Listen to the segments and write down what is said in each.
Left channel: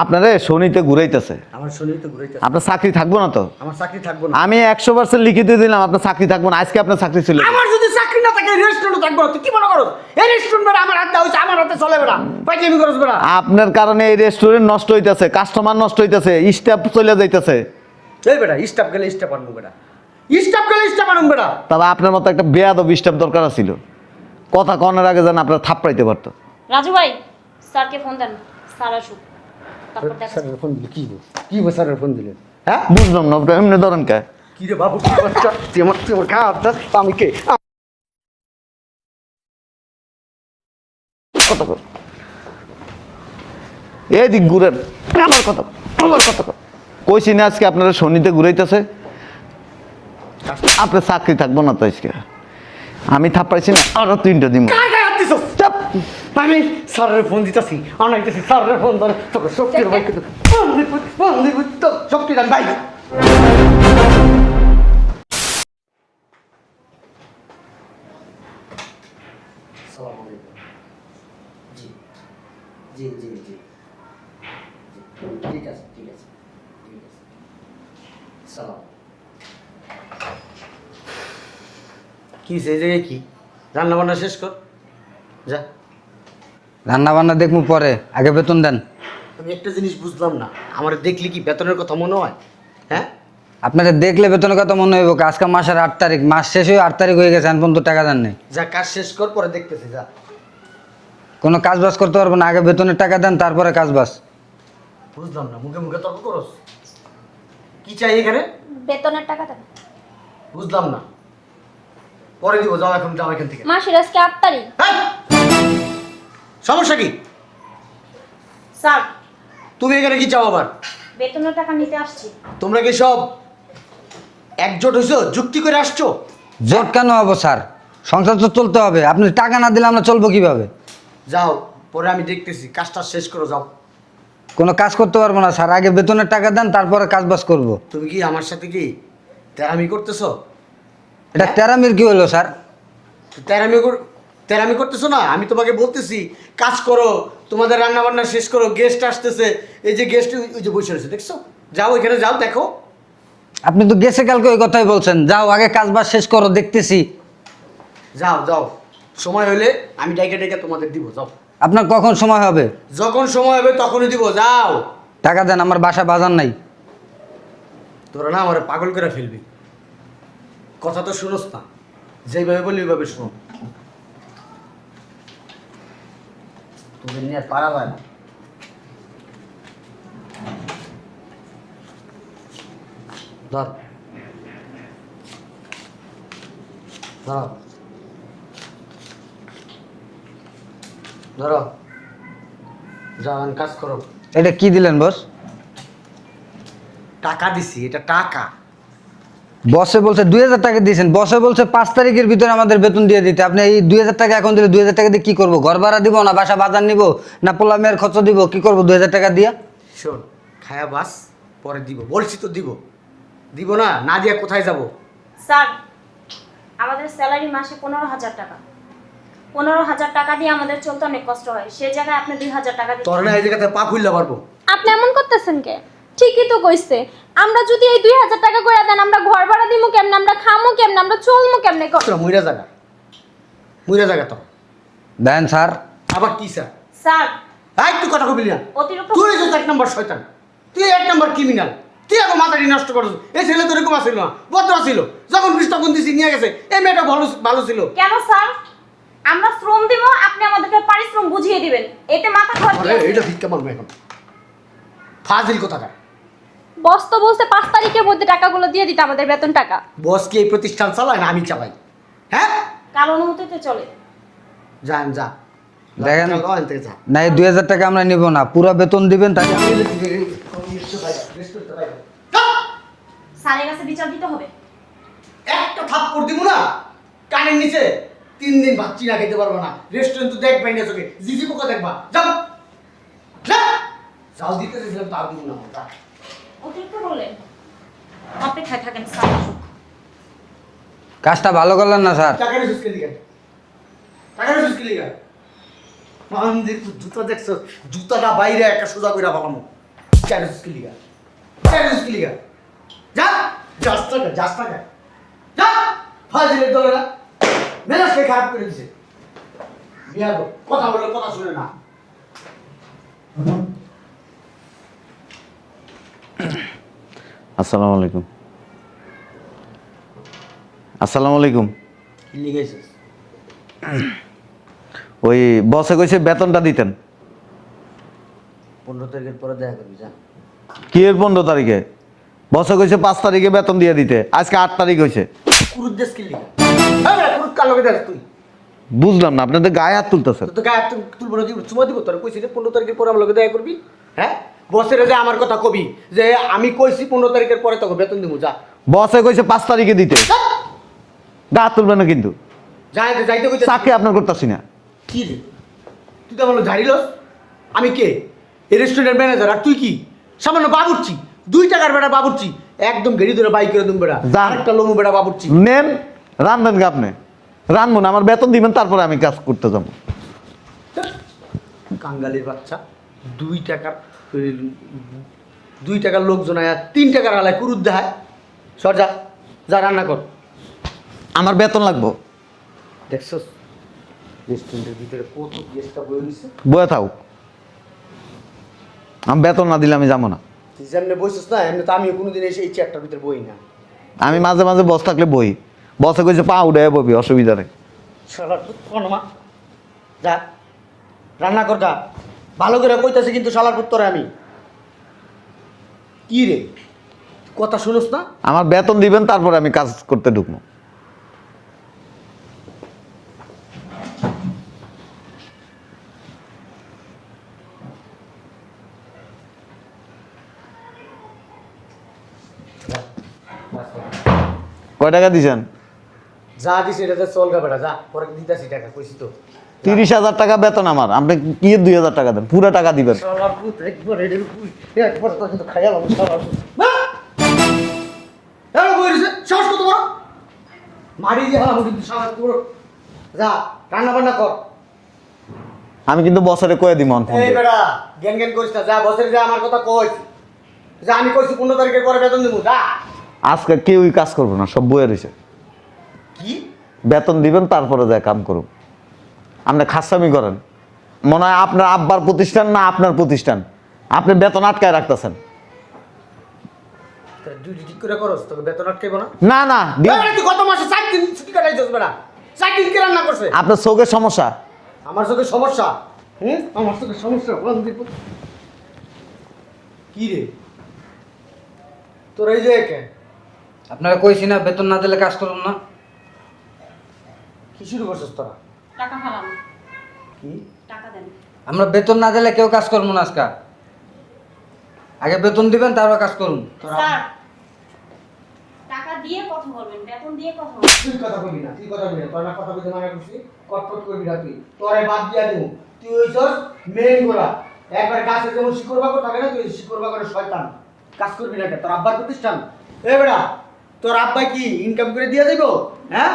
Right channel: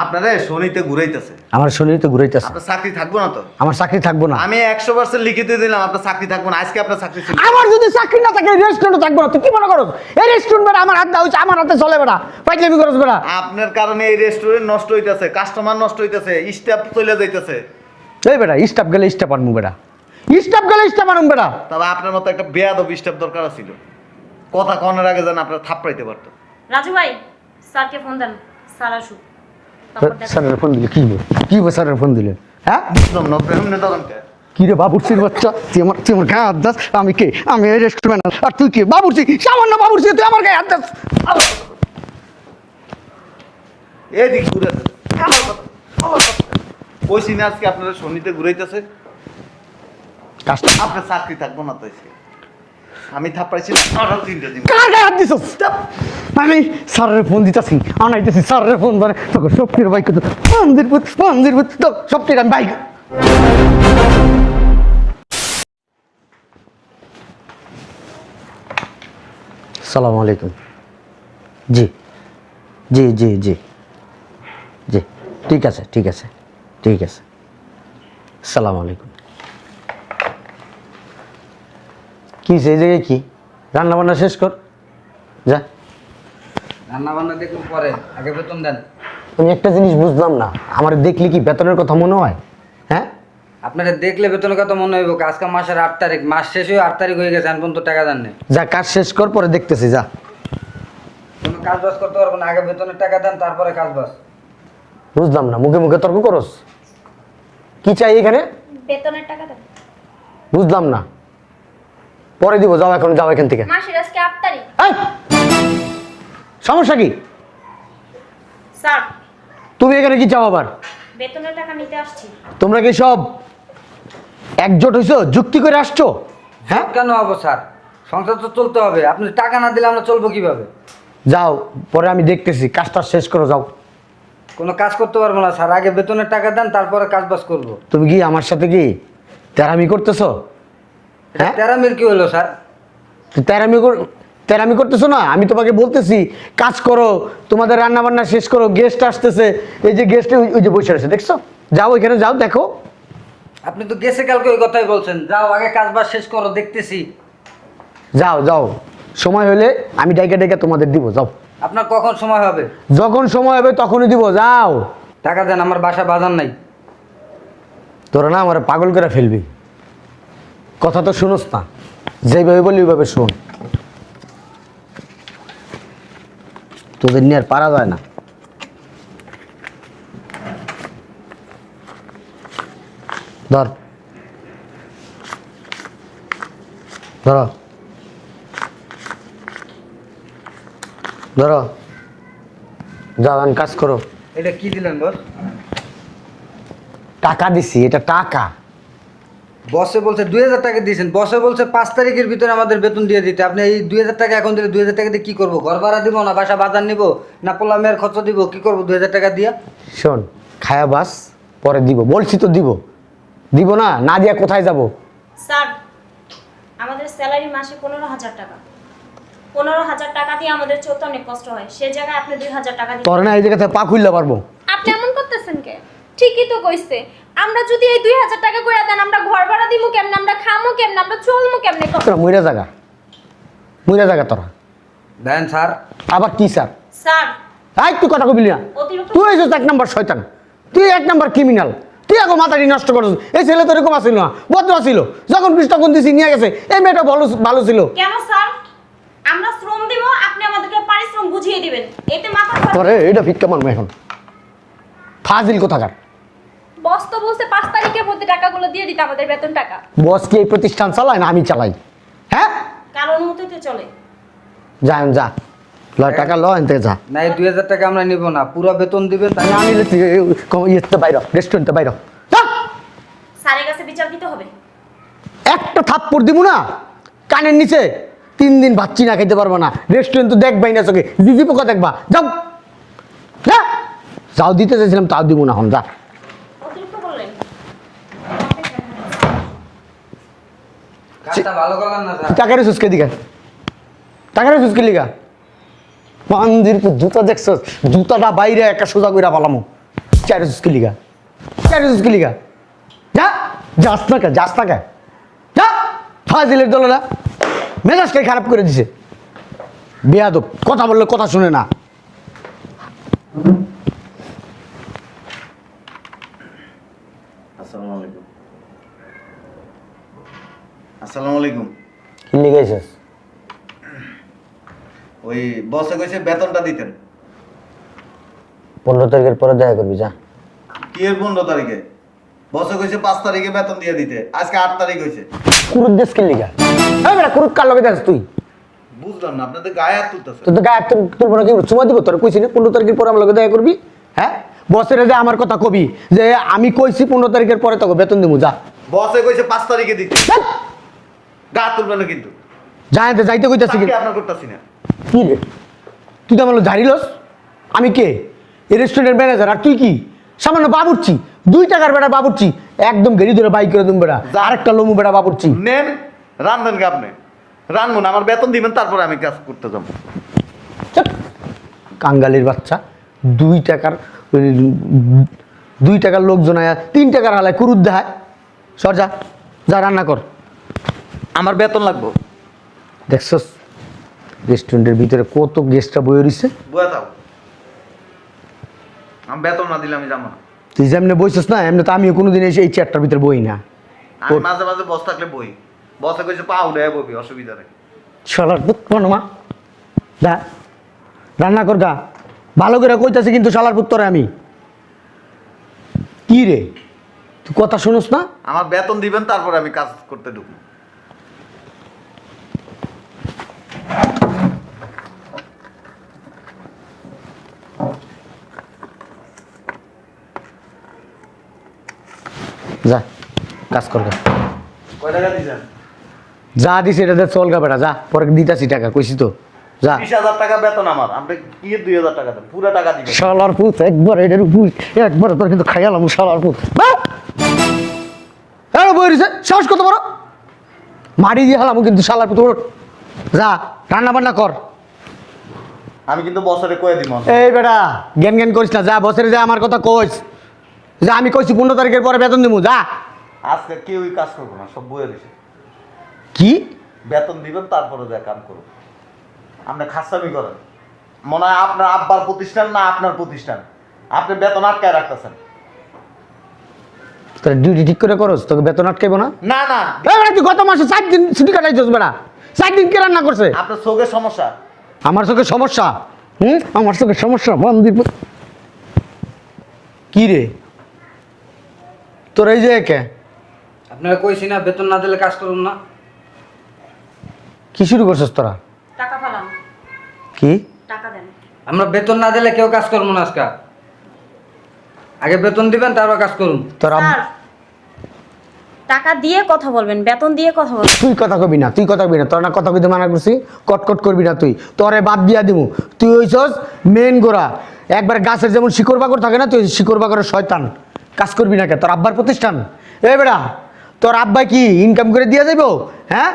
আপনারে শনিতে ঘুরাইতেছে। আমার শরীরে ঘুরাইতেছে। আপনার চাকরি থাকবো না তো? আমার চাকরি থাকবো না। আমি 100% লিখিত দিলাম আপনার চাকরি থাকবো না। আজকে আপনার চাকরি ছিল। আমার যদি চাকরি না থাকে রেস্টুরেন্টে থাকবো না। তুই কি মনে করো এই রেস্টুরেন্ট মানে আমার হাতে হইছে, আমার হাতে চলে বেটা, পাইলে করছ বেটা। আপনার কারণে এই রেস্টুরেন্ট নষ্ট হইতেছে, কাস্টমার নষ্ট হইতেছে, স্টাফ চলে যাইতেছে। এই বেটা স্টাফ গেলে স্টাফ আনমু বেটা, স্টাফ গেলে স্টাফ আনমু বেটা। তবে আপনার মতো একটা বেয়াদব স্টাফ দরকার ছিল। কথা কনের আগে যেন আপনার থাপ্পড়াইতে পারতো। রাজু ভাই স্যারকে ফোন দেন, স্যার আসুক। তারপর দেখেন। স্যারের ফোন দিলে কি স্যারের ফোন দিলেন? হ্যাঁ বুঝলাম না এমনি ধরেন কে? কি রে বাবুর্চির বাচ্চা, তুই আমার গায়ে হাত দাস। আমি কে? আমি এই রেস্টুরেন্ট আর তুই কে? বাবুর্চি, সামান্য বাবুর্চি, তুই আমার গায়ে হাত দাস। আমার কথা কর। এদিক ঘুরেন। আমার কথা কর। কইছি না আজকে আপনারা শনিতে ঘুরাইতেছে। আপনার চাকরি থাকবো না তো আজকে। আমি থাপ্পাইছি না আরো 3টা দিন। কার গায়ে হাত দিছস? চাপ। আমি স্যারের ফোন দিতাছি, আনাইতেছি স্যারের ফোন ধরে তোকে সবকির বাইক মন্দির তো সবকির বাইক। সালাম আলাইকুম। জি জি জি জি জি ঠিক আছে ঠিক আছে ঠিক আছে। সালাম আলাইকুম। কি সেই জায়গায় কি রান্না বান্না শেষ কর যা। রান্না বান্না দেখবো পরে, আগে বেতন দেন। আমি একটা জিনিস বুঝলাম না, আমার দেখলি কি বেতনের কথা মনে হয়? হ্যাঁ আপনারা দেখলে বেতনের কথা মনে হইব। আজকে মাসের 8 তারিখ, মাস শেষ হয়ে 8 তারিখ হয়ে গেছে, এখন পর্যন্ত টাকা দেন নাই। যা কাজ শেষ কর, পরে দেখতেছি যা। কোনো কাজ বাজ করতে পারবো না, আগে বেতনের টাকা দেন তারপরে কাজ বাজ। বুঝলাম না, মুখে মুখে তর্ক করস। কি চাই এখানে? বেতনের টাকাটা বুঝলাম না, পরে দিব। যাও এখন, যাও এখান থেকে। মাসের আজকে 8 তারিখ। এই! সমস্যা কি? স্যার তুমি এখানে কি চাও আবার? বেতনের টাকা নিতে আসছি। তোমরা কি সব একজোট হইছো, যুক্তি করে আসছো? জব কেন হবো স্যার? সংসার তো চলতে হবে, আপনি টাকা না দিলে আমরা চলবো কিভাবে? যাও, পরে আমি দেখতেছি, কাজটা শেষ করো যাও। কোনো কাজ করতে পারবো না স্যার, আগে বেতনের টাকা দেন তারপরে কাজ বাজ করবো। তুমি কি আমার সাথে কি তেরামি করতেছো? এটা হ্যাঁ? তেরামির কি হলো স্যার? তেরামি করতেছো না? আমি তোমাকে বলতেছি কাজ করো, তোমাদের রান্না বান্না শেষ করো, গেস্ট আসতেছে। এই যে গেস্ট ওই যে বসে আছে দেখছো, যাও ওইখানে যাও, দেখো। আপনি তো গেছে কালকে ওই কথাই বলছেন, যাও আগে কাজ বাজ শেষ করো, দেখতেছি। যাও যাও, সময় হলে আমি ডাইকা ডাইকা তোমাদের দিব, যাও। আপনার কখন সময় হবে? যখন সময় হবে তখনই দিব, যাও। টাকা দেন, আমার বাসা বাজার নাই। তোরা না আমার পাগল করে ফেলবি, কথা তো শুনোস না, যেভাবে বলি ওইভাবে শোন। তোদের নিয়ে আর পারা যায় না। ধর ধরো ধরো, যাও এখন কাজ করো। এটা কি দিলেন বস? টাকা দিছি, এটা টাকা। বসে বলছে 2000 টাকা দিয়েছেন, বসে বলছে 5 তারিখের ভিতরে আমাদের বেতন দিয়ে দিতে। আপনি এই 2000 টাকা এখন দিলে 2000 টাকা দিয়ে কি করবো? ঘর ভাড়া দিব না বাসা বাজার নিব না পোলা মেয়ের খরচ দিব? কি করবো 2000 টাকা দিয়ে? শোন, খায়া বাস, পরে দিব, বলছি তো দিব। দিব না, না দিয়া কোথায় যাব? স্যার আমাদের স্যালারি মাসে 15,000 টাকা। 15,000 টাকা দিয়ে আমাদের চলতে অনেক কষ্ট হয়, সেই জায়গায় আপনি 2,000 টাকা দিচ্ছেন। তোর না এই জায়গাতে পা খুললে পারবো। আপনি এমন করতেছেন কে? ঠিকই তো কইছে, আমরা যদি এই 2000 টাকা করে দেন, আমরা ঘর ভাড়া দিমু কেমনে, আমরা খামু কেমনে, আমরা চলমু কেমনে? তোরা মুইরা জায়গা তোরা। দেন স্যার। আবার কি স্যার? স্যার এই তুই কথা কবি না, অতিরিক্ত তুই হইছিস 1 নম্বর শয়তান, তুই 1 নম্বর ক্রিমিনাল। তুই এখন মাথাটি নষ্ট করছিস। এই ছেলে তো এরকম আসিল না, ভদ্র ছিল, যখন বৃষ্টি তখন দিছি নিয়ে গেছে। এই মেয়েটা ভালো ভালো ছিল। কেন স্যার? আমরা শ্রম দিব, আপনি আমাদেরকে পারিশ্রম বুঝিয়ে দিবেন, এতে মাথা তোরে খরচ। এইটা ভিক্ষা মারবো এখন, ফাজিল কোথাকার। বস তো বলছে 5 তারিখের মধ্যে টাকাগুলো দিয়ে দিতে, আমাদের বেতন টাকা। বস কি এই প্রতিষ্ঠান চালায় না আমি চালাই? হ্যাঁ, কার অনুমতিতে চলে? যা যা, লয় টাকা ল এনতে যা। না এই 2000 টাকা আমরা নিব না, পুরো বেতন দিবেন তাই। আমি ইয়েতে বাইরে, রেস্টুরেন্টে বাইরে। স্যারের কাছে বিচার দিতে হবে। একটা থাপ্পড় দিব না কানের নিচে, 3 দিন ভাচ্ছি না খাইতে পারবো না। রেস্টুরেন্ট তো দেখবাই না চোখে, জিজি পোকা দেখবা। যাও যা, যাও দিতে চাইছিলাম তাও দিব না, হন যা। অতিরিক্ত বললেন, অপেক্ষায় থাকেন স্যার। কাজটা ভালো করলেন না স্যার। টাকা রেসুস কে দিকে, টাকা রেসুস কে লিগা? মন্দির জুতা দেখছো, জুতাটা বাইরে একটা সোজা কইরা পালামো। চাইরস কি লিগা যা যাস না কে যা ফাজিলের দলেরা মেজাজটাই খারাপ করে দিছে বেয়াদব কথা বললে কথা শুনে না আসসালামু আলাইকুম। আসসালামু আলাইকুম। কি লিগাইছিস ওই বসে কইছে বেতনটা দিতেন। 15 তারিখের পরে দেখা করবি যা কি এর 15 তারিখে? বসে কইছে 5 তারিখে বেতন দিয়ে দিতে, আজকে 8 তারিখ হইছে। কুরুদ দেশ কি লিগা এই বেটা কুরুদ কার লগে যাস তুই বুঝলাম না, আপনাদের গায়ে হাত তুলতেছেন। তোর তো গায়ে তুলবো না কি চুমা দিব তোর কইছি না 15 তারিখের পরে আমার লগে দেখা করবি হ্যাঁ বসের যে আমার কথা কবি যে আমি কইছি 15 তারিখের পরে তোকে বেতন দিমু যা বসে কইছে 5 তারিখে দিতে, গা হাত তুলবেন না কিন্তু। যাইতে কইতাছি চাকরি আপনার করতেছি না। কি রে তুই তো বলো জারিলস আমি কে এই রেস্টুরেন্টের ম্যানেজার আর তুই কি সামান্য বাবুর্চি 2 টাকার বেটা বাবুর্চি একদম ঘেরি ধরে বাই করে দিম বেটা আরেকটা লমু বেটা বাবুর্চি নেন রান্ধবেন কি আপনি? রান্ধবো না, আমার বেতন দিবেন তারপরে আমি কাজ করতে যাবো। চুপ। কাঙ্গালির বাচ্চা 2 টাকার 2 টাকার লোকজন আয়া 3 টাকার আলায় কুরুদ দেখায় সর যা যা রান্না কর আমার বেতন লাগবো। দেখছস রেস্টুরেন্টের ভিতরে কত গেস্টরা বয়ে রইছে বয়ে থাও, আমি বেতন না দিলে আমি যাবো না। তুই যেমনি বইছিস না এমনি তো আমিও কোনোদিন এসে এই চেয়ারটার ভিতরে বই না আমি মাঝে মাঝে বস থাকলে বই, বসে কইছে পা উঠে ববি, অসুবিধা নেই। শালার পুত মা যা রান্না কর গা ভালো করে কইতাছি কিন্তু শালার পুত্তরে আমি কি রে তুই কথা শুনোস না আমার বেতন দিবেন তারপরে আমি কাজ করতে ঢুকবো। যা কাজ কর গা কয় টাকা দিছেন? যা দিছি এটা চল গা বেটা যা পরে দিতাছি টাকা কইছি তো যা। 30,000 টাকা বেতন আমার, আপনি কি 2,000 টাকা দেন? পুরো টাকা দিবেন। শালার পুত একবার এটার বুঝ একবার তোর কিন্তু খাইয়ালাম শালার পুত আরে বই রিছে সাহস কত বড় মারি দিয়ে হালাম কিন্তু শালার পুত ওঠ। যা রান্না বান্না কর আমি কিন্তু বছরে কয়ে দিব। এই বেটা জ্ঞান জ্ঞান করিস না যা বছরে যা আমার কথা কইস যা আমি কইছি 15 তারিখের পরে বেতন দেবো যা আজকে কেউই কাজ করবো না, সব বইয়ে রয়েছে। কি বেতন দিবেন তারপরে যায় কাম করুন। আপনি খাসামি করেন, মনে হয় আপনার আব্বার প্রতিষ্ঠান না আপনার প্রতিষ্ঠান, আপনি বেতন আটকায় রাখতেছেন। তোর ডিউটি ঠিক করে করস তোকে বেতন আটকাইবো না না না, এই তুই গত মাসে 4 দিন ছুটি কাটাইছিস বেটা 4 দিন কে রান্না করছে আপনার চোখের সমস্যা। আমার চোখে সমস্যা আমার চোখে সমস্যা বন্দি কি রে তোর এই যে কে আপনারা কইছি না বেতন না দিলে কাজ করুন না। কি শুরু করছিস তোরা টাকা ফেলাম, কি টাকা দেন। আমরা বেতন না দিলে কেউ কাজ করবো না আজকে। আগে বেতন দিবেন তারপর কাজ করুন। তোরা স্যার, টাকা দিয়ে কথা বলবেন, বেতন দিয়ে কথা বলবেন। তুই কথা কবি না তোর না কথা কইতে মানা করছি কটকট করবি না তুই তোরে বাদ দিয়া দিমু তুই হইছস মেন গোড়া একবার গাছের যেমন শিকড় বাকড় থাকে না তুই শিকড় বাকড়ের শয়তান কাজ করবি না কে তোর আব্বার প্রতিষ্ঠান এ বেড়া তোর আব্বাই কি ইনকাম করে দিয়ে যাইব হ্যাঁ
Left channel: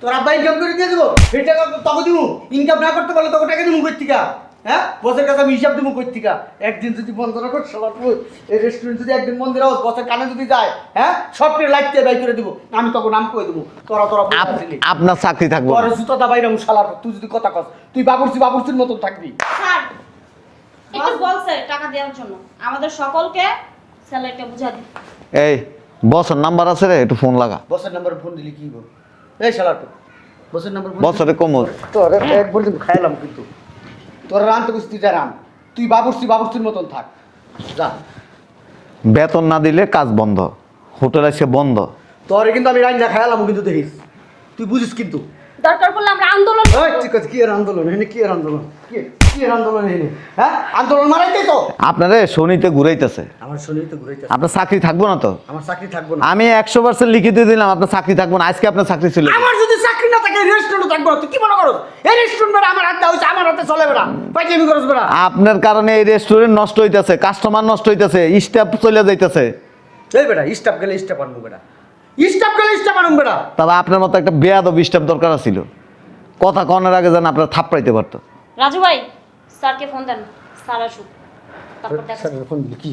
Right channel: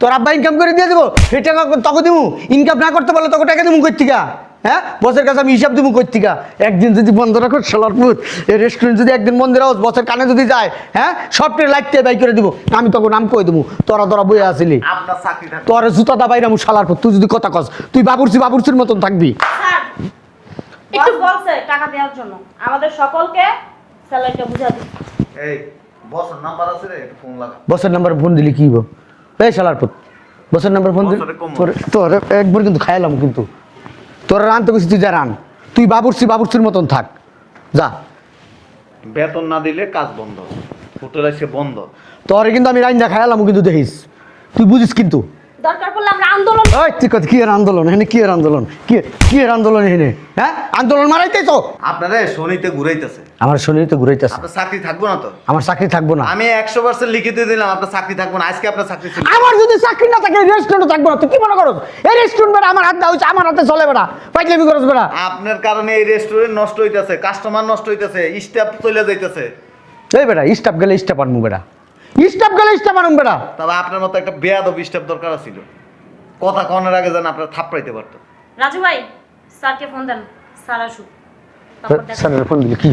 তোর আব্বা ইনকাম করে দিয়ে দেবো এই টাকা তোকে দিমু ইনকাম না করতে পারলে তোকে টাকা দিমু কই থেকে হ্যাঁ বসের কাছে আমি হিসাব দিমু কই থেকে একদিন যদি বন্ধ রাখো শালার পুত এই রেস্টুরেন্ট যদি একদিন বন্ধ রাখো বসের কানে যদি যায় হ্যাঁ সবটাই লাইটতে বাই করে দিব আমি তখন নাম কই দেবো তোরা বইয়া আসিলি আপনার চাকরি থাকবে। তোর জুতা দা বাইরামু শালার পুত তুই যদি কথা কস তুই বাবুরচির মতন থাকবি স্যার, একটু বলছে টাকা দেওয়ার জন্য আমাদের সকলকে স্যালারিটা বুঝা দিন। এই বসের নাম্বার আছে রে, একটু ফোন লাগা। বসের নাম্বার ফোন দিলি কি হইব এই শালার পুত বসের নাম্বার ফোন বসের কম হবে। তোর একবার কিন্তু খাইলাম কিন্তু তোর রানতে গেছি তুই যা রান তুই বাবুরচির মতন থাক যা বেতন না দিলে কাজ বন্ধ, হোটেল এসে বন্ধ। তোর কিন্তু আমি রাইন্দা খাইলাম কিন্তু দেখিস তুই বুঝিস কিন্তু দরকার পড়লে আমরা আন্দোলন ওই তুই কি এর আন্দোলন এখানে কি এর আন্দোলন কি এর আন্দোলন এখানে হ্যাঁ আন্দোলন মারাইতে তো আপনারে শনিতে ঘুরাইতেছে, আমার শরীর তো ঘুরাইতেছে আপনার চাকরি থাকবো না তো। আমার চাকরি থাকবো না আমি 100% লিখিত দিলাম আপনার চাকরি থাকবো না, আজকে আপনার চাকরি ছিল। আমার যদি চাকরি না থাকে রেস্টুরেন্ট থাকবো না তুই কি মনে করো এই রেস্টুরেন্ট মানে আমার হাতে হচ্ছে আমার হাতে চলে বেড়া পাইলে করছ বেড়া আপনার কারণে এই রেস্টুরেন্ট নষ্ট হইতেছে, কাস্টমার নষ্ট হইতেছে, স্টাফ চলে যাইতেছে। এই বেড়া স্টাফ গেলে স্টাফ আনবো বেড়া স্টাফ গেলে স্টাফ আনবো বেড়া তবে আপনার মতো একটা বেয়াদব স্টাফ দরকার ছিল, কথা কনের আগে যেন আপনার থাপড়াইতে পারতো। রাজু ভাই, স্যারকে ফোন দেন, স্যার আসুন। তারপর দেখো। স্যারের ফোন দিলে কি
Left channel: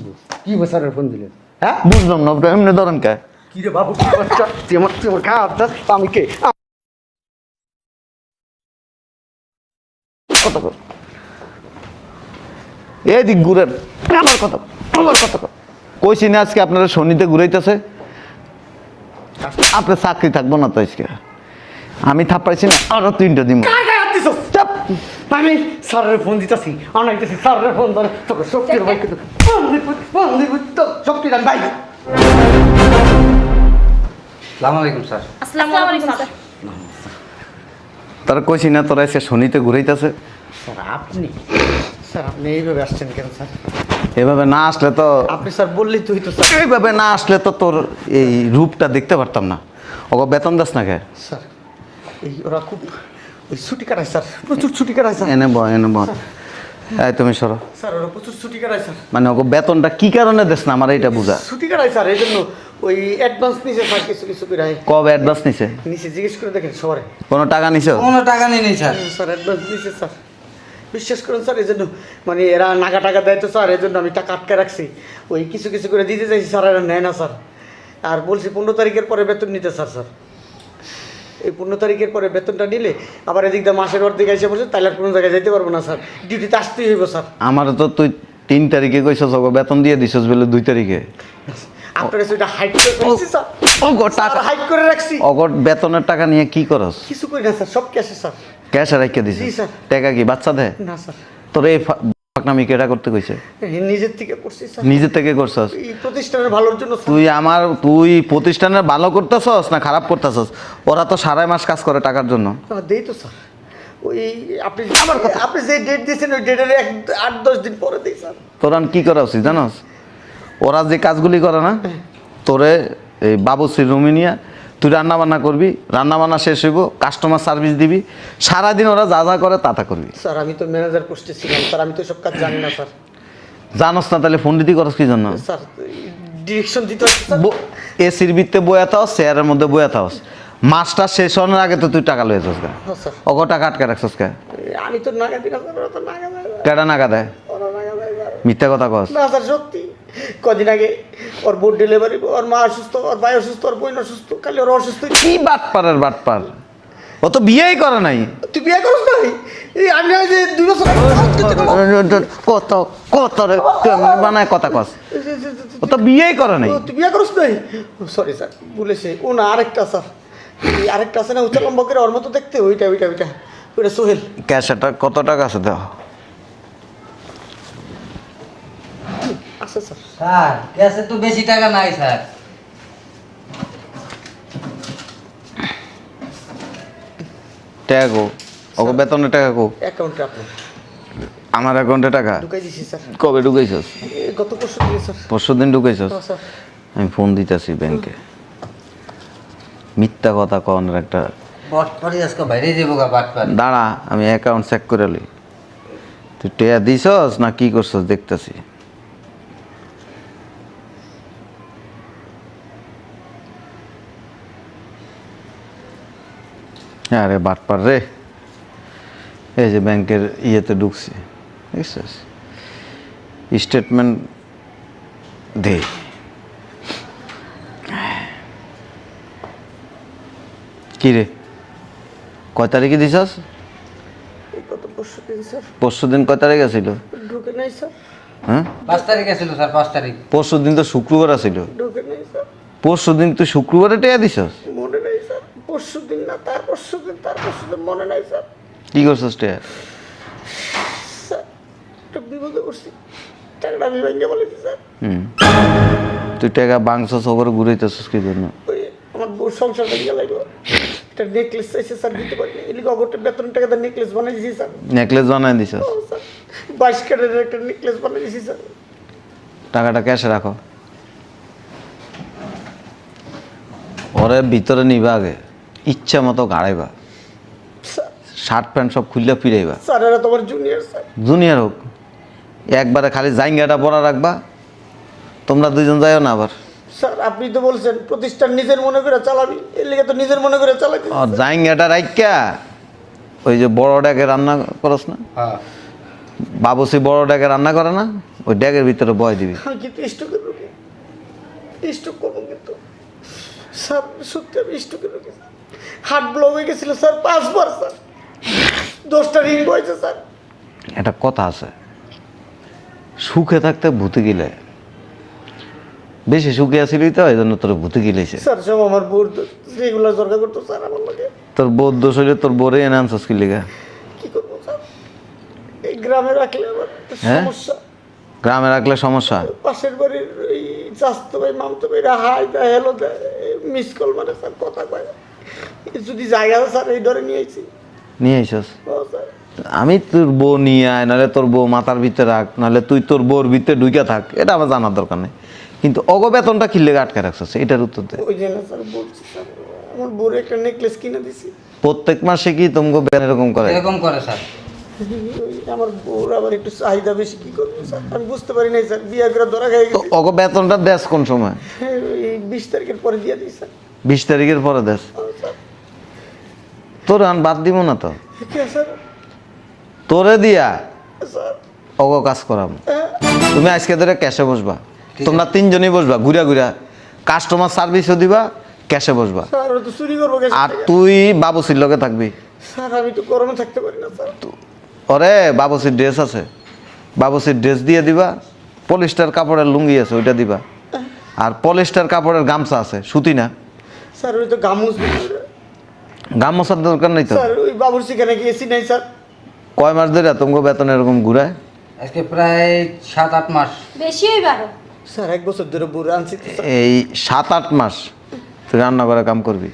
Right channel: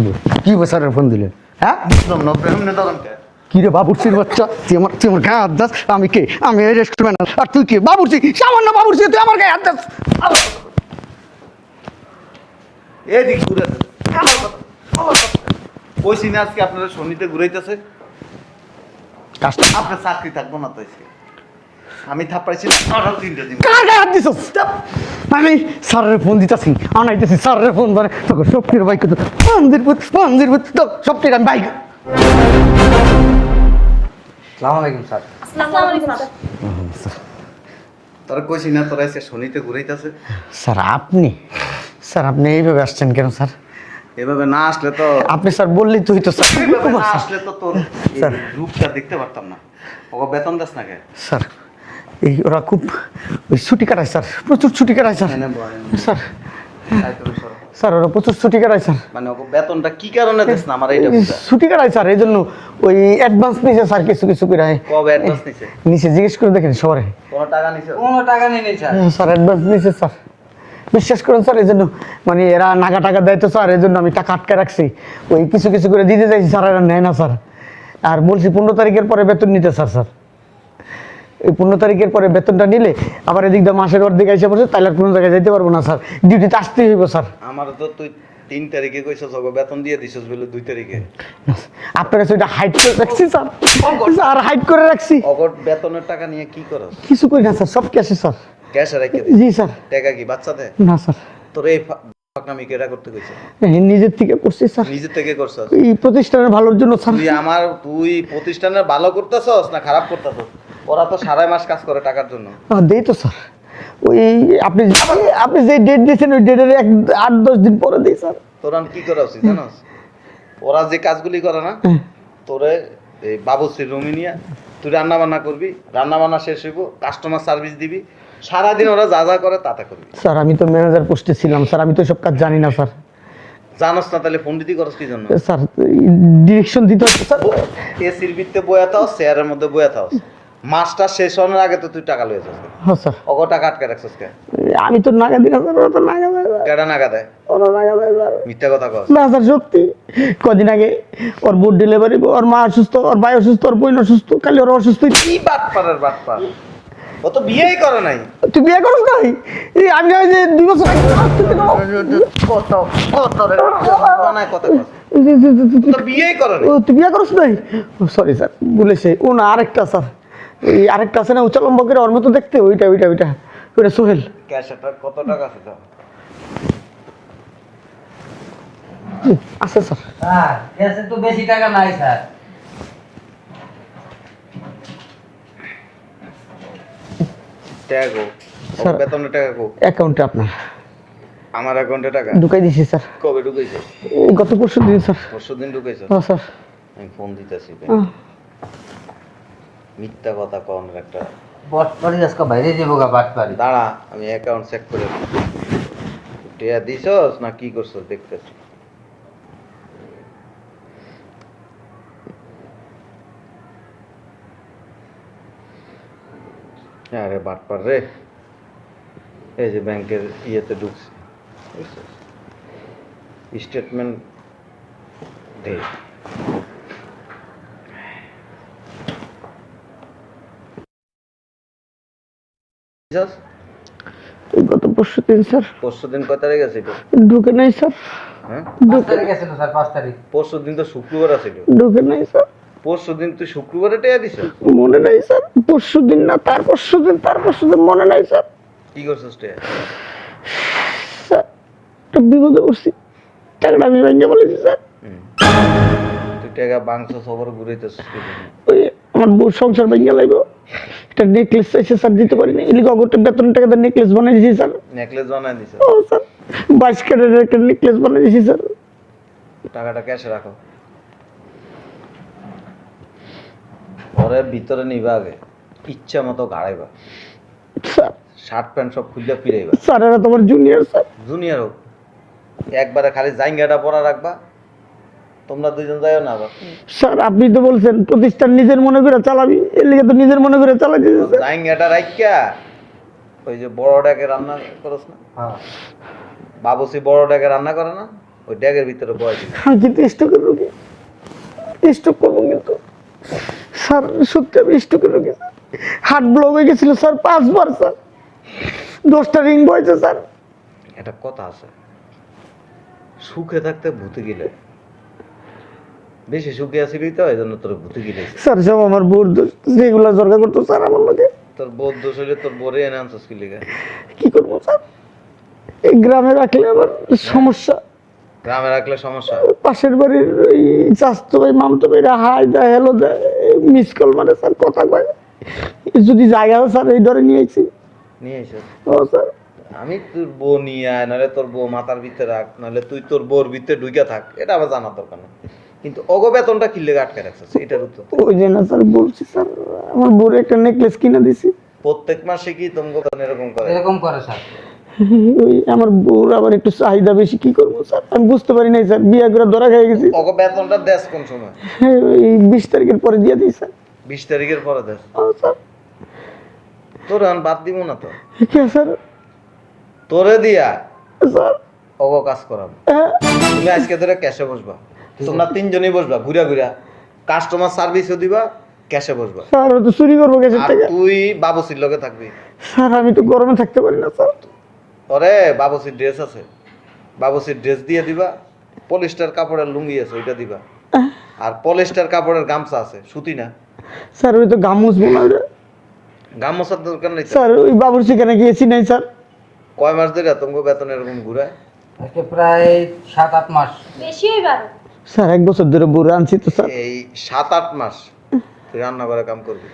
স্যারের ফোন দিলেন? হ্যাঁ বুঝলাম না এমনি ধরেন কে? কি রে বাবুর্চির বাচ্চা, তুই আমার গায়ে হাত দাস? আমি কে? আমি এই রেস্টুরেন্ট, আর তুই কে? বাবুর্চি, সামান্য বাবুর্চি, তুই আমার গায়ে হাত দাস? আমার কথা কর। এদিক ঘুরেন, আমার কথা কর, আমার কথা কর। কইছি না আজকে আপনারা শনিতে ঘুরাইতেছে, আপনার চাকরি থাকবো না তো আজকে। আমি থাপ্পাইছি না, আরো 3টা দিন। কার গায়ে হাত দিছস? চাপ। আমি স্যারের ফোন দিতেছি, অনাইতেছি স্যারের ফোন ধরে, তোকে সব কিছু বাইক করতে মন্দির তো সব কিছু বাইক। আসসালামু আলাইকুম স্যার। আসসালামু আলাইকুম স্যার। তারা কইছি না তোরা এসে শনিতে ঘুরাইতেছে। স্যার আপনি এইভাবে আসছেন কেন স্যার? এভাবে না আসলে তো, আপনি স্যার বললেই তুই তো স্যার। এইভাবে না আসলে তো তোর এই রূপটা দেখতে পারতাম না। ওকে বেতন দাস না কে? স্যার এই ওরা খুব ওই ছুটি কাটায় স্যার, প্রচুর ছুটি কাটায় স্যার। এনে বল, এনে বল। স্যার এই তুমি সরো। স্যার ওরা প্রচুর ছুটি কাটায় স্যার। মানে ওকে বেতনটা কি কারণে দেস না আমার এইটা বুঝা। ছুটি কাটায় স্যার, এই জন্য ওই অ্যাডভান্স নিছে স্যার, কিছু কিছু করে কবে অ্যাডভান্স নিছে? নিচে জিজ্ঞেস করে দেখেন শহরে। কোনো টাকা নিছো? কোনো টাকা নেই স্যার। স্যার অ্যাডভান্স নিছে স্যার, বিশ্বাস করেন স্যার। এই জন্য মানে এরা নাগা টাকা দেয় তো স্যার, এই জন্য আমি টাকা আটকে রাখছি। ওই কিছু কিছু করে দিতে চাইছি স্যার, এরা নেয় না স্যার। আর বলছি 15 তারিখের পরে বেতন নিতে স্যার। স্যার এই 15 তারিখের পরে বেতনটা নিলে আবার এদিক দিয়ে মাসের অর্ধেক এসে বসে, তাহলে আর কোনো জায়গায় যেতে পারবো না স্যার, ডিউটিতে আসতেই হইব স্যার। আমার তো তুই 3 তারিখে কইছস ওকে বেতন দিয়ে দিছস বলে 2 তারিখে। আপনার কাছে এটা হাইট করে রাখছি স্যার, স্যার হাইট করে রাখছি। অগট বেতনের টাকা নিয়ে কি করস? কিছু করি না স্যার, সব ক্যাশে স্যার। ক্যাশ রেখে দিস? G sir. টাকা কি বাচ্চা দেয়? না স্যার, তোর এই ফাকনামি কেটা করতে কইছে? নিজের থেকে করছি স্যার, নিজে থেকে করছস? এই প্রতিষ্ঠানের ভালোর জন্য স্যার। তুই প্রতিষ্ঠানের ভালো করতেছস না খারাপ করতেছস? ওরা তো 2.5 মাস কাজ করে টাকার জন্য। দেই তো স্যার, ওই আপনি আপনি যে ডেট দিয়েছেন ওই ডেটের 8-10 দিন পরে দিই স্যার। তোরা কি করা উচিত জানোস? ওরা যে কাজগুলি করে না, তোরে এই বাবুশ্রীর রুমে নিয়ে তুই রান্না বান্না করবি, রান্না বান্না শেষ হইব, কাস্টমার সার্ভিস দিবি, সারাদিন ওরা যা যা করে তা করবি। স্যার আমি তো ম্যানেজার পোস্টে ছিলাম স্যার, আমি তো সব কাজ জানি না স্যার। জানোস না তাহলে ফোন দিতে করস কি জন্য? স্যার ডিরেকশন দিতে হবে স্যার। এসির ভিতরে বয়া থাকস, চেয়ারের মধ্যে বয়া থাকস, মাসটা শেষ হওয়ার আগে তো তুই টাকা লয়ে যাস গা। হ্যাঁ স্যার, অগ টাকা আটকে রাখছস কে? আমি তো নাগা দিই না স্যার, ওরা তো নাগা দেয় স্যার। কেডা নাগা দেয়? ওরা নাগা দেয় স্যার। মিথ্যা কথা কস। না স্যার সত্যি, কদিন আগে ওর বুট ডেলিভারি, ওর মা অসুস্থ, ওর ভাই অসুস্থ, ওর বোন অসুস্থ, খালি ওর অসুস্থ। কি বাটপারের বাটপার, ও তো বিয়েই করে নাই। তুই বিয়ে করছ নাই? এই আমি ওই যে 2 বছর কত কত রে বানায় কথা কস, ও তো বিয়েই করে নাই। তুই বিয়ে করছ নাই? সরি স্যার, বলেছে ও না, আরেকটা স্যার, এই আরেকটা আছে না উঁচা লম্বা করে, ওর মতো দেখতে, ওইটা সোহেল। ক্যাশটা কত টাকা আছে দাও? আছে স্যার। স্যার ক্যাশে তো বেশি টাকা নাই স্যার। টাকা গো, ও বেতনের টাকা গো। অ্যাকাউন্টে আপনার আমার অ্যাকাউন্টে টাকা ঢুকাই দিছি স্যার। কবে ঢুকাইছস? এই গত পরশু দিন স্যার। পরশুদিন ঢুকাইছস? হ্যাঁ স্যার। আমি ফোন দিতেছি ব্যাংকে। মিথ্যা কথা কনের একটা। বটপরি আজকে বাইরে যাবো গা বাটপার। দাঁড়া, আমি অ্যাকাউন্ট চেক করে নেব। তুই টেয়া দিছস না কি করছস দেখতেছি। আরে বাটপার রে, এই যে ব্যাংকের ইয়েতে ঢুকছি, দেখছিস স্টেটমেন্ট দে। কি রে, কয় তারিখে দিছস? এই গত পরশু দিন স্যার। পরশুদিন কয় তারিখ আছিল? ঢুকে নাই স্যার। হ্যাঁ 5 তারিখ ছিল স্যার, 5 তারিখ। পরশুদিন তো শুক্রবার আছিল। ঢুকে নাই স্যার। পরশুদিন তুই শুক্রবারে টেয়া দিছস? মনে নাই স্যার, পরশু দিন না, তার পরশু দিন মনে নাই স্যার। কি করছস টেয়া? স্যার একটা বিপদে পড়ছি, টাকাটা আমি ভেঙে বলেছি স্যার। তুই টাকা বাংছস ওপরে ঘুরাইতেছস কি জন্য? ওই আমার বউ সংসার ভেঙে লাগলো, একটা নেকলেস চাইছে স্যার, দিতে পারিনি। এলিকে অগরটা বেতন টাকা দিয়ে নেকলেস বানিয়ে দিয়েছি স্যার। নেকলেস বানাই দিছস? ও স্যার 22 ক্যারেটের একটা নেকলেস বানিয়ে দিয়েছি স্যার। টাকাটা ক্যাশে রাখো। ওরে ভিতরে নিবা আগে, ইচ্ছা মতো গাড়াইবা, স্যার শার্ট প্যান্ট সব খুললা ফিরাইবা। স্যার এরা তোমার জুনিয়র স্যার। জুনিয়র হোক, একবারে খালি জাইঙ্গাটা পরা রাখবা, তোমরা দুইজন যাইও না আবার। স্যার আপনি তো বলছেন প্রতিষ্ঠান নিজের মনে করে চালাবি, এর লিগে তো নিজের মনে করে চালাই দিয়েছি ও স্যার। জাইঙ্গাটা রাইকা ওই যে বড়টাকে রান্না করস না, হ্যাঁ বাবুসি বড়টাকে রান্না করে না, ওই ড্যাগের ভিতরে বয় দিবি। আমি কিন্তু স্ট্রোকের রোগী, স্ট্রোক করবো কিন্তু স্যার, সত্যি আমি স্ট্রোকের রোগী স্যার। হার্ট ব্লক হয়ে গেছিল স্যার 5 বার স্যার, 10টা রিং বয়েছে স্যার। একটা কথা আছে, সুখে থাকতে ভূতে গিলে, বেশি সুখে আসিলি তো এই জন্য তোর ভূতে গিলেছে। স্যার সব আমার বোর রেগুলার দরকার করতো স্যার আমার লোকে। তোর বোধ দোষ হইলে তোর বোরে এনে আনছস কি লিগা? কি করবো স্যার, এই গ্রামে রাখলে আবার সমস্যা। গ্রামে রাখলে সমস্যা? পাশের বাড়ির ওই চাস্তো ভাই মামতো ভাইরা হাই দেয়, হ্যালো দেয়, মিস কল মানে স্যার, কথা কয়। যদি জায়গা স্যার এই ধরে নিয়ে আইছি। নিয়ে আইসস? ও স্যার, আমি তোর বউ নিয়ে আয়, নাহলে তোর বউ মাথার ভিতরে রাখ, নাহলে তুই তোর বউর ভিতরে ঢুকে থাক, এটা আমার জানার দরকার নেই। কিন্তু অগ বেতনটা কি লেগে আটকে রাখছস, এটার উত্তর দে। ওই যে না স্যার বলছি স্যার, আমার বউর একটা নেকলেস কিনে দিছি। প্রত্যেক মাসে কি তোমাকে বের এরকম করে? এরকম করে স্যার। ওই আমার বউর আবার একটু চাহিদা বেশি, কি করবো স্যার আমি বুঝতে পারি নাই স্যার, বিয়ে করে ধরা খেয়ে গেছি। অগ বেতনটা দেশ কোন সময়? এই 20 তারিখের পরে দিয়ে দিই স্যার। 20 তারিখের পরে দেশ? ও স্যার, তোর আন বাদ দিব না তো, কে স্যার? তোরে দিয়া স্যার অগ কাজ করাম। হ্যাঁ তুমি আজকে ধরে ক্যাশে বসবা, তোমরা 3 জনই বসবা, ঘুরা ঘুরা কাস্টমার সার্ভিসও দিবা, ক্যাশে বসবা। স্যার, তো চুরি করবো গেছে আর তুই বাবুসির লগে থাকবি। স্যার, আমি তো গরমে থাকতে পারি না স্যার। পরে বাবুসির ড্রেস আছে, বাবুসির ড্রেস দিয়ে দিবা, পলিস্টার কাপড়ের লুঙ্গি আছে ওইটা দিবা, আর পলিস্টার কাপড়ের গামছা আছে, সুতি না। স্যার ওই তো গামুস বোনা, গামছার দরকার নেই তো। স্যার ওই বাবুর সেখানে গিয়েছি নাই স্যার। কয় মাস ধরে তোমাকে বেতন এরকম ঘুরায়? আজকে প্রায় 7-8 মাস। বেশি হইবার। স্যার 1 বছর ধরে বউ আনছি তো স্যার। এই 7-8 মাস তুই রান্না করে কাম করবি,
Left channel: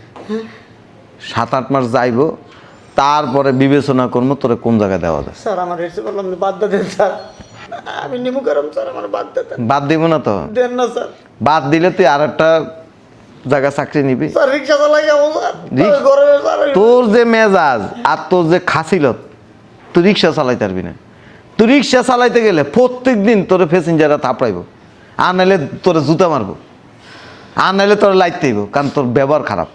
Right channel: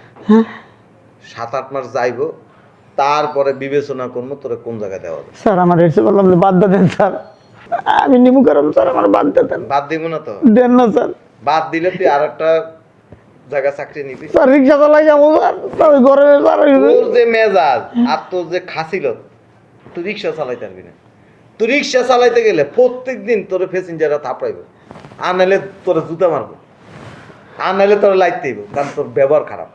7-8 মাস যাইবো, তারপরে বিবেচনা করবো তোরে কোন জায়গায় দেওয়া যায়। স্যার আমার এসে বললাম যে বাদ দেন স্যার, আমি নিমু কারণ স্যার আমার বাদ দেন। বাদ দিব না তো, দেন না স্যার। বাদ দিলে তুই আর একটা জায়গা চাকরি নিবি। স্যার রিক্সা চালাই যাবো স্যার, রিক্সা? গরমে স্যার। তোর যে মেজাজ আর তোর যে খাসিলত, তুই রিক্সা চালাইতে পারবি না। তুই রিক্সা চালাইতে গেলে প্রত্যেক দিন তোর প্যাসেঞ্জাররা থাপড়াইব, আর নাহলে তোরে জুতা মারবো, আর নাহলে তোর লাইতে হইব, কারণ তোর ব্যবহার খারাপ,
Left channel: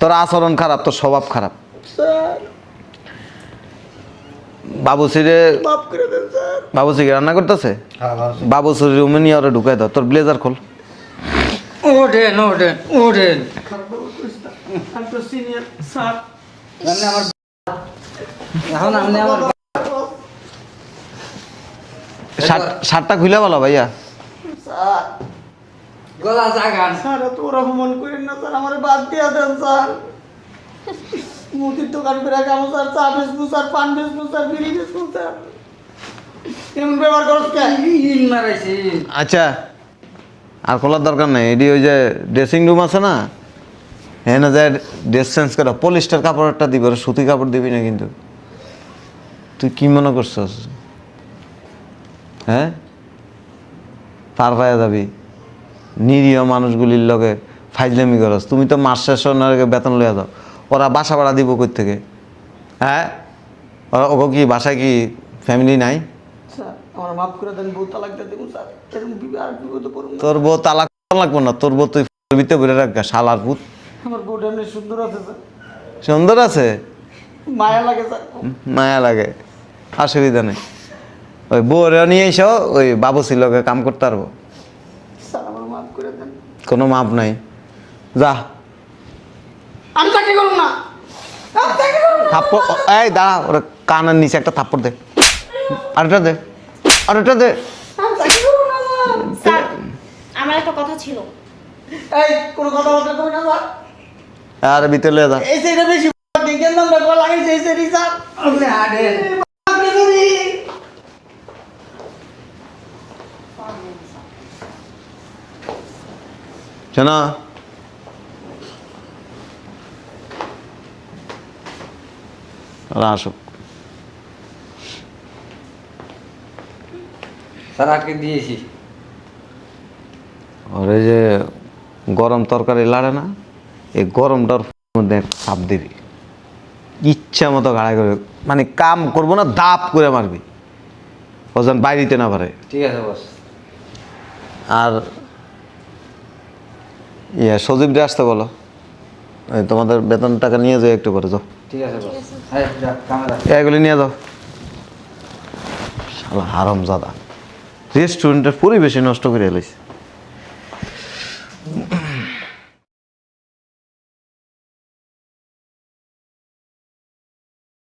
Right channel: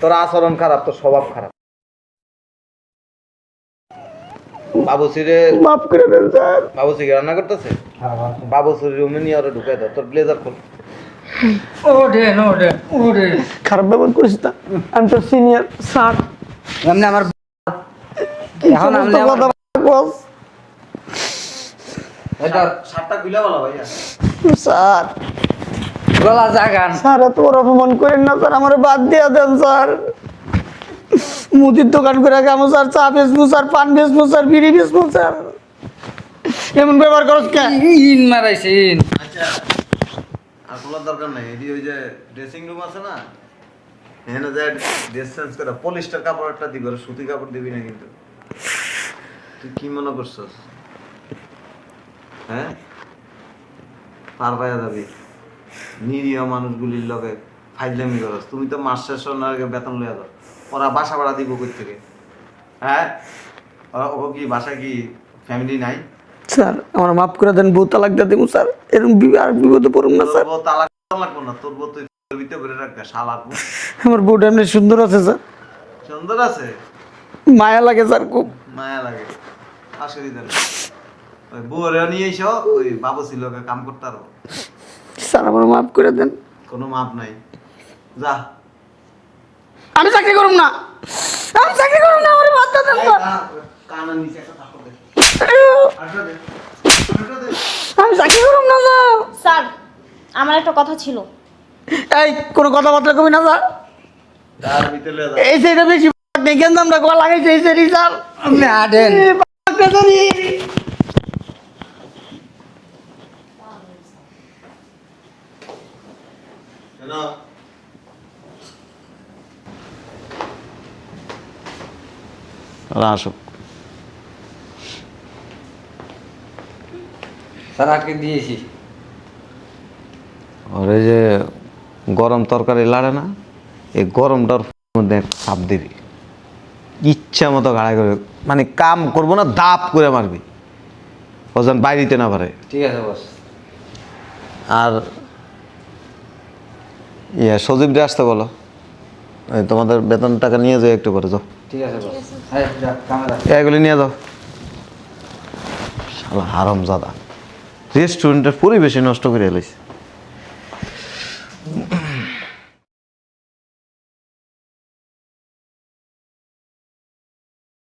তোর আচরণ খারাপ, তোর স্বভাব খারাপ। স্যার বাবুসিরে, মাফ করে দেন স্যার। বাবুসি কি রান্না করতেছে? হ্যাঁ ভালো। বাবুসির রুমে নিয়ে ওরা ঢুকাই দাও, তোর ব্লেজার খোল। ওঠেন ওঠেন ওঠেন। খারাপ ব্যবহার করিস না, আমি তো সিনিয়র স্যার। এমনি আমার এখন আপনি আমার শার্টটা খুলে বলো ভাইয়া। স্যার গলা জাগান। স্যার এত বড় অপমান করেন না স্যার, আমার বাদ দিয়ে দেন স্যার। মুদির দোকান করে খাবো স্যার, চা বেচবো স্যার, পান বেচবো স্যার, বিড়ি বেচবো স্যার, এমন ব্যবহার করত কেন? ইন মারাইছিন। আচ্ছা, আর খোলার দরকার নেই, এটি ওই যে ড্রেসিং রুম আছে না, হ্যাঁ না, যে ড্রেস চেঞ্জ করা, পলিস্টার কাপড়টা দিবি, ওরা সুতি কাপড় দিবি না কিন্তু। তুই কি মনে করছস? হ্যাঁ, পার পায়ে যাবি, নিরীহ মানুষগুলির লগে ফাইজলামি করস। তুমি তো মাস শেষ হওয়ার আগে বেতন লইয়া যাও, ওরা বাসা ভাড়া দিব কই থেকে? হ্যাঁ, ওকে কি বাসায় কি ফ্যামিলি নাই? স্যার আমার মাফ করে দেন, বউ তালাক দিয়ে দেবো স্যার, এরকম আর বিপদে পড়ুন না তোর স্যার। বউ তালাক লাগবো না, তোর বউ তুই ভিতরে ঘুরে রাখা, শালার পুত। আমার বউটা এমনি সুন্দর আছে স্যার, সুন্দর আছে, মায়া লাগে স্যার খুব। মায়া লাগে, অসুবিধা নেই। ওই বউরা নিয়ে এসো, ওই বাবুসির লগে কাম করতে পারবো। স্যার আমার মাফ করে দেন। কোনো মাপ নাই, যা। আমি চাকরি করুন না, আমি চাকরি করুন না। থাপ্পড়, এই দাঁড়া, ওরা কানের নিচে একটা থাপ্পড় দে, আরেকটা দে, আরেকটা দে। আমি চাকরি করুন না স্যার। স্যার, আমার একটা কথা ছিল। এই কোনো কথাবার্তা কবি না স্যার, আর ভিতরে লয়ে যা। এই সাইডে বেশি দেখেন আমরা গলা লাগাইছে এই সাইডে স্যার। আপনি হাঁটেন। শোনো, ওরা আসুক। স্যার আজকে দিয়েছি। ওরে যে গরম তরকারি লাড়ে না, এই গরমটার মধ্যে চাপ দিবি, ইচ্ছা মতো গাড়াই করে, মানে কাম করবো না, দাপ করে মারবি, ওজন বাইরিতে না পারে। ঠিক আছে বস। আর সজীব দিয়ে আসতে বলো, এই তোমাদের বেতন টাকা নিয়ে যাও, একটু করে যাও, ঠিক আছে বস। হ্যাঁ যা কামে যা। এগুলি নিয়ে যাও। শালা হারামজাদা। রেস্টুরেন্টের পরিবেশই নষ্ট করে এলাইছে।